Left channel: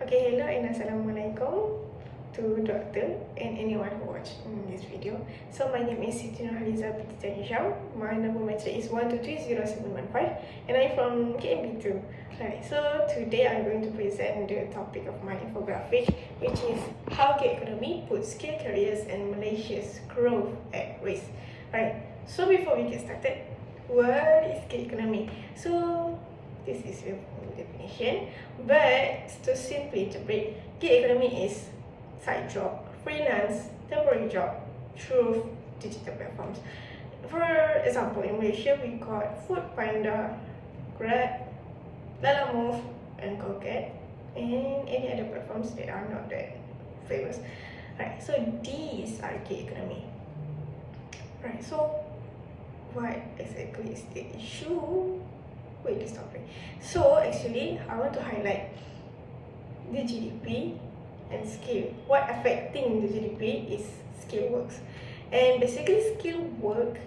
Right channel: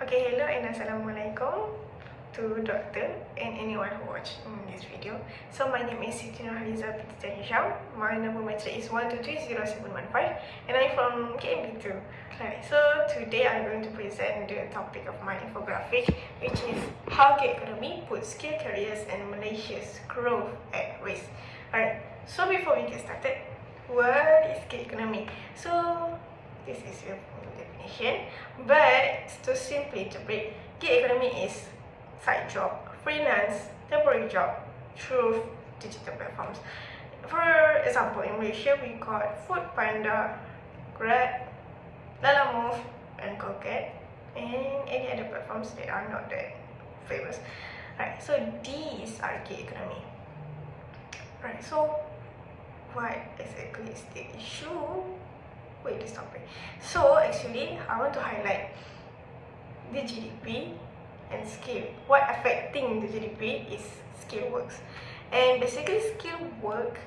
Okay, hello and assalamualaikum to doctor and anyone who watched this video. So my name is SITI NURHALIZA BINTI SHAM. My number match is 1230715 and I'm from KMB2. Right, so today I'm going to present the topic of my infographic, which is how gig economy puts skill careers and Malaysia's growth at risk. Alright, so before we get started, what is gig economy? So this is your definition, but to simply interpret, gig economy is side job, freelance, temporary job through digital platforms. For example, in Malaysia we got Food Panda, Grab, Lalamove, and Colgate, and any other platforms that are not that famous. Right, so these are gig economy. Right, so what exactly is the issue with this topic? So actually, I want to highlight the GDP and skill. What affecting the GDP is skill works, and basically skill work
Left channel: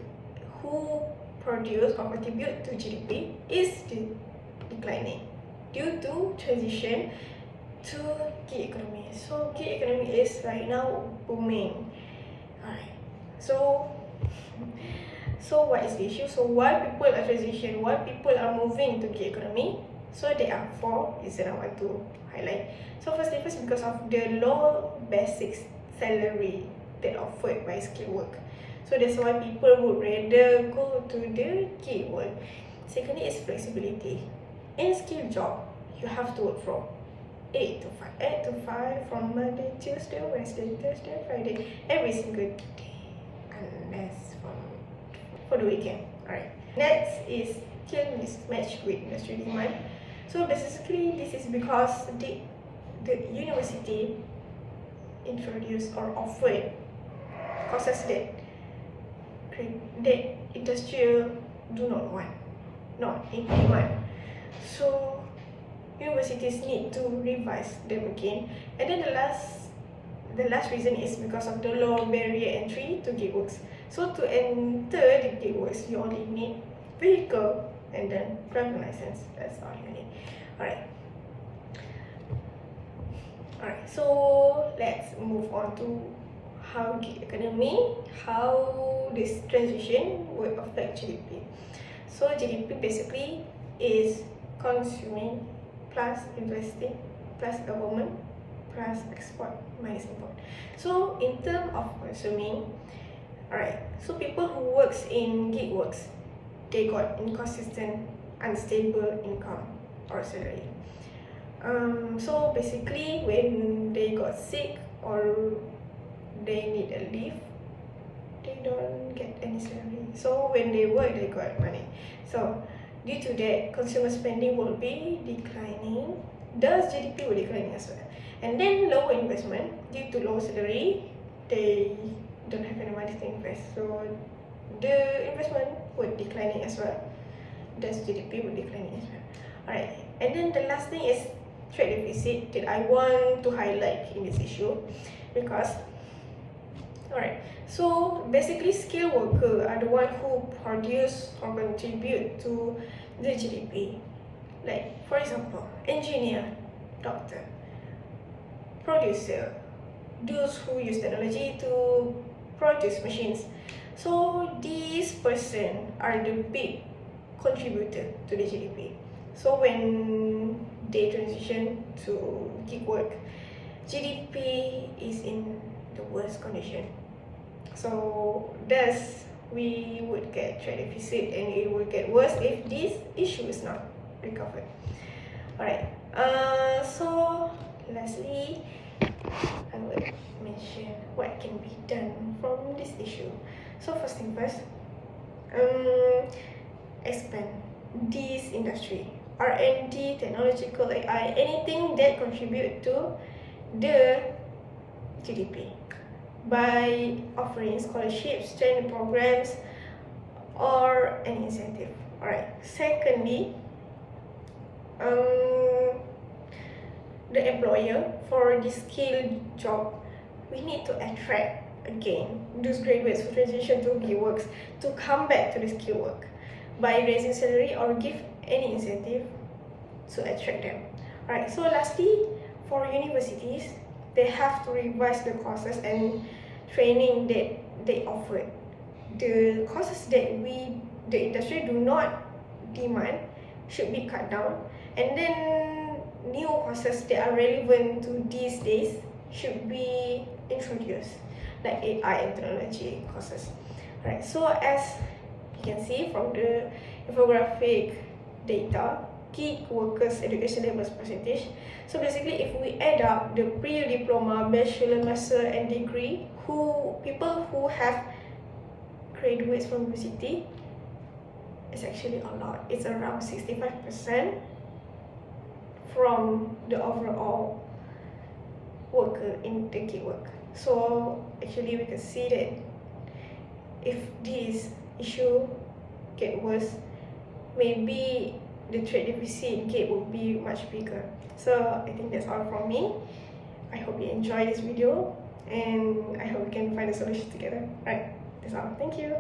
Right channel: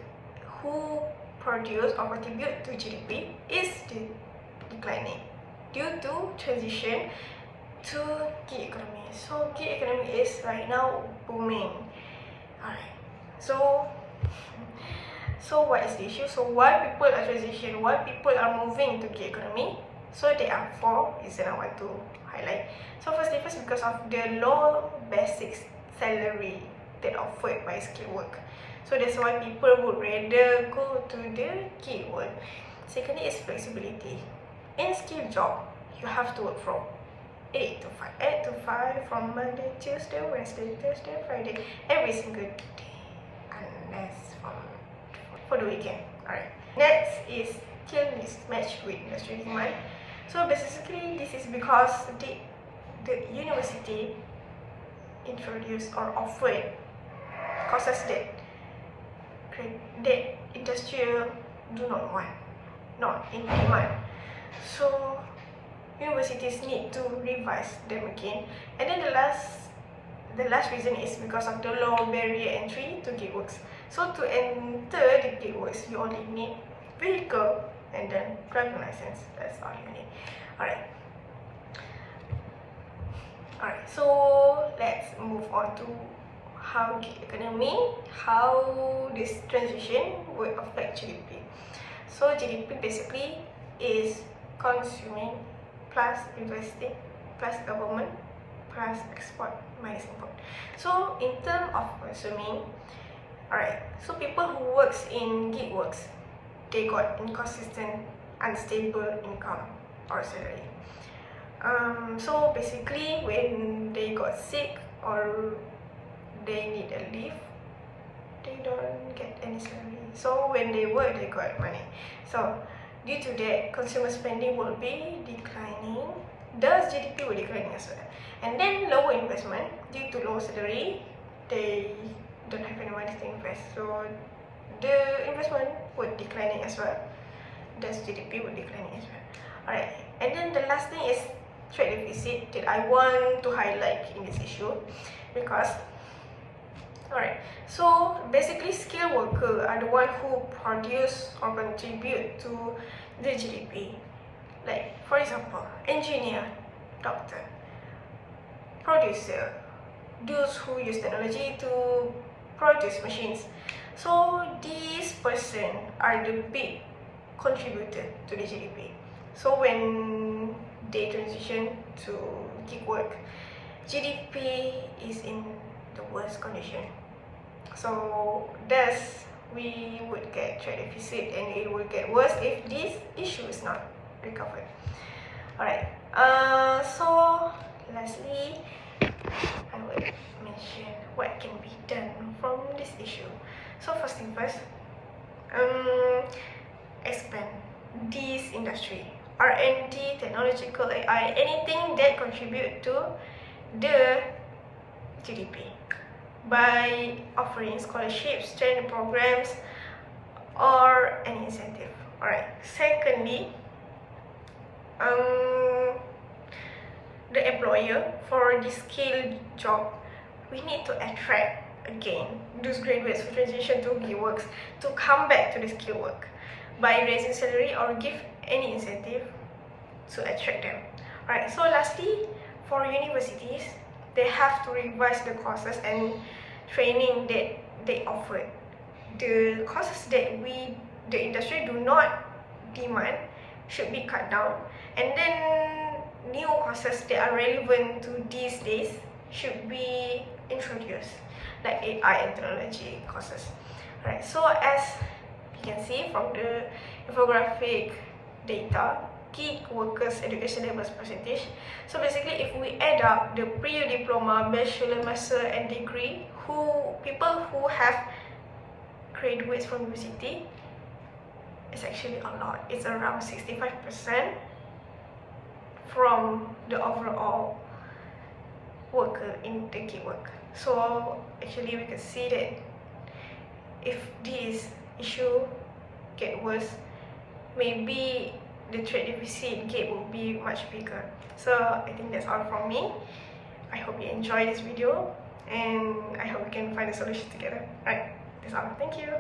who produce or contribute to GDP is declining due to transition to gig economy. So gig economy is right now booming. Alright, so what is the issue? So why people are transitioning, why people are moving to gig economy? So there are 4 reasons I want to highlight. So first, because of the low basic salary that offered by skill work. So that's why people would rather go to the gig work. Secondly is flexibility. In skill job, you have to work from 8 to 5 from Monday, Tuesday, Wednesday, Thursday, Friday, every single day, unless for the weekend. Alright. Next is skill mismatch with industry demand. So basically, this is because the university introduced or offered courses that industry do not want, not in demand. So universities need to revise them again. And then the last reason is because of the low barrier entry to gig works. So to enter the gig works, you only need vehicle and then driving license. That's all you need. Alright, so let's move on to how gig economy, how this transition will affect GDP. So GDP basically is consuming plus investing plus government plus export minus import. So in terms of consuming, alright, so people who works in gig works, they got inconsistent, unstable income or salary. So basically, when they got sick or they need a leave, they don't get any salary. So when they work, they got money. So due to that, consumer spending will be declining. Thus, GDP will decline as well. And then lower investment due to low salary, they don't have any money to invest. So the investment would declining as well. Thus, GDP would declining as well. Alright, and then the last thing is trade deficit that I want to highlight in this issue, because alright, so basically skilled workers are the one who produce or contribute to the GDP. Like for example, engineer, doctor, producer, those who use technology to produce machines. So these persons are the big contributor to the GDP. So when they transition to gig work, GDP is in the worst condition. So thus we would get trade deficit, and it will get worse if this issue is not recovered. Alright, so lastly, I will mention what can be done from this issue. So first thing first, expand this industry, R&D, technological AI, anything that contribute to the GDP by offering scholarships, training programs, or an incentive. Alright. Secondly, the employer for the skilled job, we need to attract again those graduates who transition to gig works to come back to the skill work by raising salary or give any incentive to attract them. Alright, so lastly, for universities, they have to revise the courses and training that they offered. The courses that the industry do not demand should be cut down, and then new courses that are relevant to these days should be introduced, like AI and technology courses. Right, so as you can see from the infographic data, gig workers education levels percentage. So basically, if we add up the pre-diploma, bachelor, master and degree, people who have graduates from university, it's actually a lot. It's around 65% from the overall worker in the gig work. So actually we can see that if this issue get worse, maybe the trade deficit gap will be much bigger. So I think that's all from me. I hope you enjoy this video and I hope we can find a solution together. Alright, that's all. Thank you.